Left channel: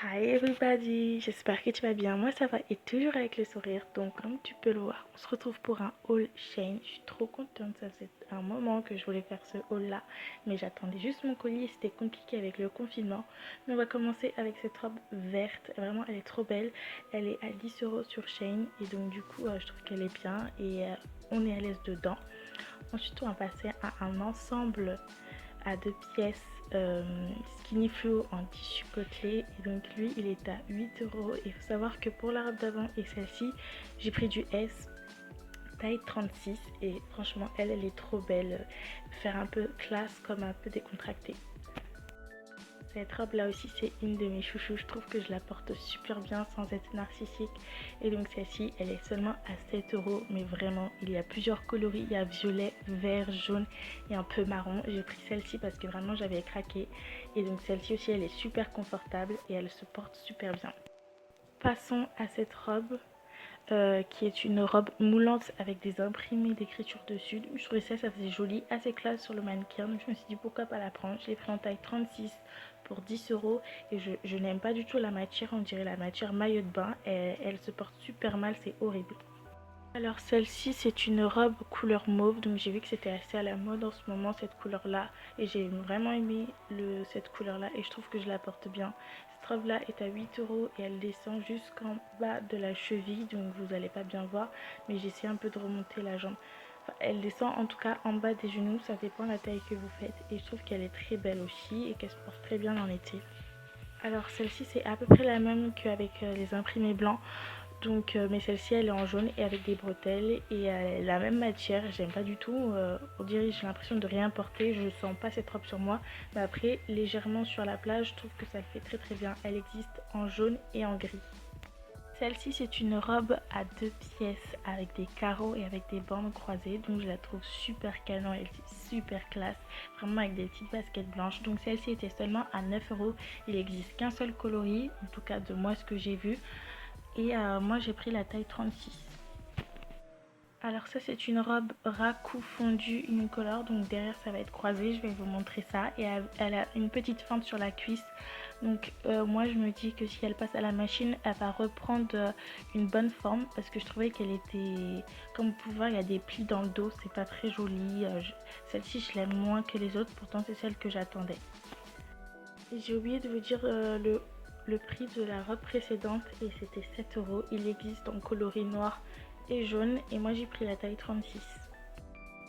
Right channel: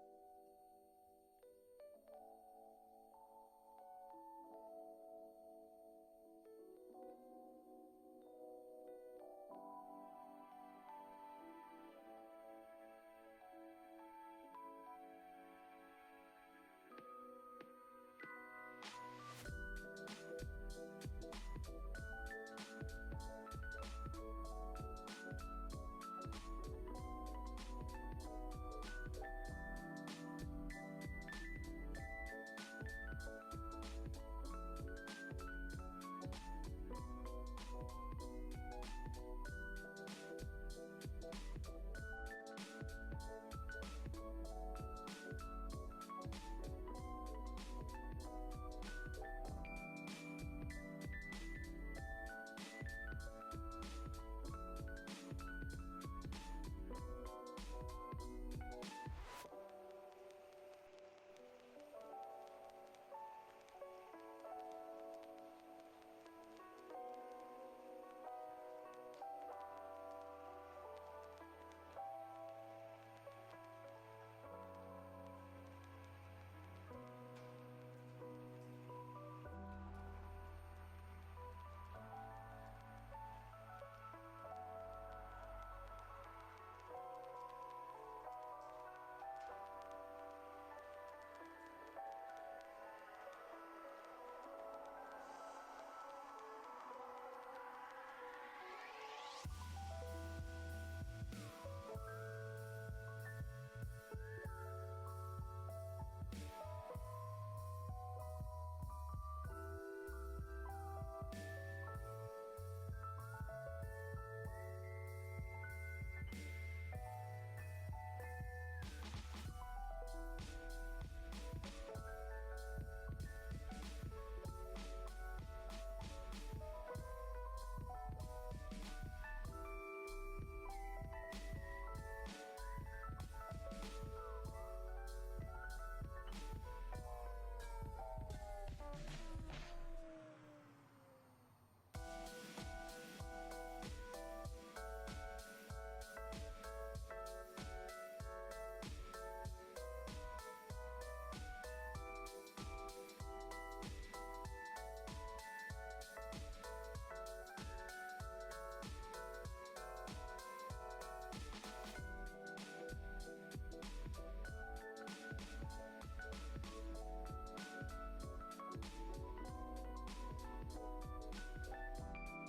Hi everybody, j'espère que tu vas bien, moi ça va et toujours avec le sourire. Donc comme tu peux le voir, on se retrouve pour un haul Shein. Je suis trop contente, ça faisait un moment que je voulais faire ce haul là, mais j'attendais juste mon colis et c'était compliqué avec le confinement. Mais on va commencer avec cette robe verte, vraiment elle est trop belle, elle est à 10 € sur Shein et donc du coup je trouve qu'elle est bien et on est à l'aise dedans. Ensuite on va passer à un ensemble à 2 pièces skinny flow en tissu côtelé et donc lui il est à 8 € et il faut savoir que pour la robe d'avant et celle-ci j'ai pris du S taille 36 et franchement elle est trop belle, faire un peu classe comme un peu décontractée. Cette robe là aussi c'est une de mes chouchous, je trouve que je la porte super bien sans être narcissique et donc celle-ci elle est seulement à 7 € mais vraiment il y a plusieurs coloris, il y a violet, vert, jaune et un peu marron. J'ai pris celle-ci parce que vraiment j'avais craqué et donc celle-ci aussi elle est super confortable et elle se porte super bien. Passons à cette robe qui est une robe moulante avec des imprimés d'écriture dessus. Je trouvais ça faisait joli, assez classe sur le mannequin. Donc je me suis dit pourquoi pas la prendre. Je l'ai pris en taille 36 pour 10 € et je n'aime pas du tout la matière. On dirait la matière maillot de bain. Elle se porte super mal, c'est horrible. Alors celle-ci c'est une robe couleur mauve, donc j'ai vu que c'était assez à la mode en ce moment cette couleur là et j'ai vraiment aimé cette couleur là et je trouve que je la porte bien. Cette robe là est à 8 € et elle descend jusqu'en bas de la cheville, donc vous allez pas bien voir mais j'essaie un peu de remonter la jambe. Enfin, elle descend en tout cas en bas des genoux, ça dépend de la taille que vous faites et je trouve qu'elle est très belle aussi et qu'elle se porte très bien en été. Alors celle-ci c'est à peu près la même qu'avec les imprimés blancs. Donc mais celle-ci elle est en jaune et avec des bretelles et la même matière, j'aime pas du tout, on dirait j'ai l'impression de rien porter, je sens pas cette robe sur moi, mais après légèrement sur la plage je trouve que ça le fait très très bien. Elle existe en jaune et en gris. Celle-ci c'est une robe à 2 pièces avec des carreaux et avec des bandes croisées, donc je la trouve super canon, elle est super classe, vraiment avec des petites baskets blanches. Donc celle-ci était seulement à 9 €, il n'existe qu'un seul coloris, en tout cas de moi ce que j'ai vu et moi j'ai pris la taille 36. Alors ça c'est une robe raku fondue unicolore, donc derrière ça va être croisé, je vais vous montrer ça et elle a une petite fente sur la cuisse. Donc moi je me dis que si elle passe à la machine elle va reprendre une bonne forme parce que je trouvais qu'elle était, comme vous pouvez voir il y a des plis dans le dos, c'est pas très joli. Celle-ci je l'aime moins que les autres, pourtant c'est celle que j'attendais. J'ai oublié de vous dire le prix de la robe précédente et c'était 7 €. Il existe en coloris noir et jaune et moi j'ai pris la taille 36.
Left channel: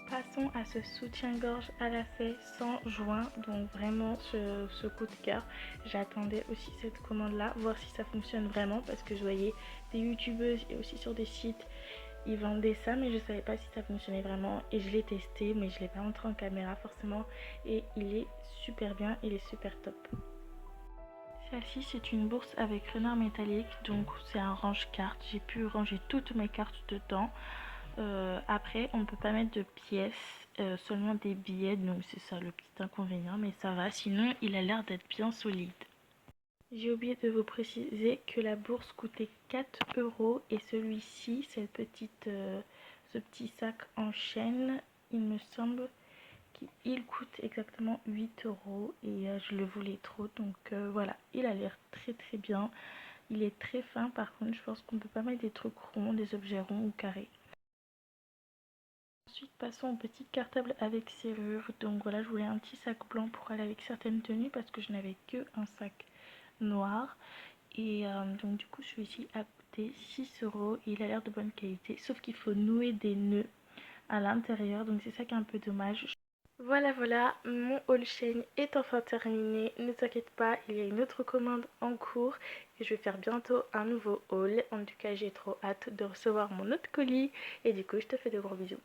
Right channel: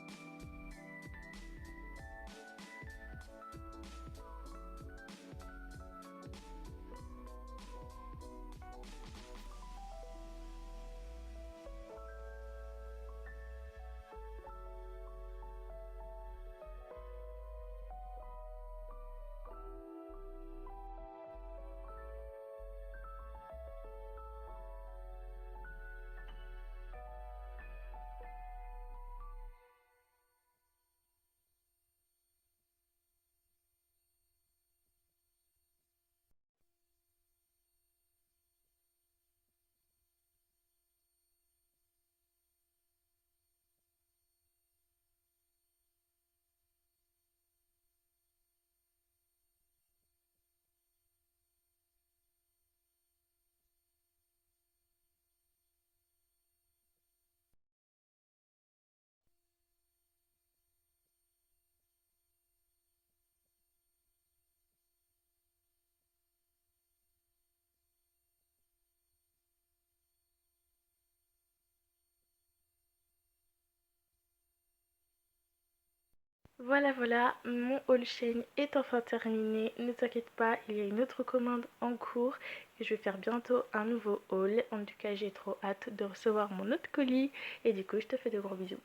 Passons à ce soutien-gorge à la fée sans joint, donc vraiment ce coup de cœur. J'attendais aussi cette commande là, voir si ça fonctionne vraiment parce que je voyais des youtubeuses et aussi sur des sites ils vendaient ça mais je savais pas si ça fonctionnait vraiment et je l'ai testé mais je l'ai pas montré en caméra forcément et il est super bien, il est super top. Celle-ci c'est une bourse avec renard métallique, donc c'est un range-cartes. J'ai pu ranger toutes mes cartes dedans. Après on ne peut pas mettre de pièces, seulement des billets, donc c'est ça le petit inconvénient, mais ça va. Sinon il a l'air d'être bien solide. J'ai oublié de vous préciser que la bourse coûtait 4 € et celui-ci, ce petit sac en chaîne, il me semble il coûte exactement 8 € et je le voulais trop, donc voilà, il a l'air très très bien. Il est très fin, par contre je pense qu'on ne peut pas mettre des trucs ronds, des objets ronds ou carrés. Ensuite passons au petit cartable avec serrure. Donc voilà, je voulais un petit sac blanc pour aller avec certaines tenues parce que je n'avais que un sac noir et donc du coup celui-ci a coûté 6 € et il a l'air de bonne qualité, sauf qu'il faut nouer des nœuds à l'intérieur, donc c'est ça qui est un peu dommage. Voilà, mon haul Shein est enfin terminé. Ne t'inquiète pas, il y a une autre commande en cours et je vais faire bientôt un nouveau haul. En tout cas, j'ai trop hâte de recevoir mon autre colis et du coup, je te fais de gros bisous.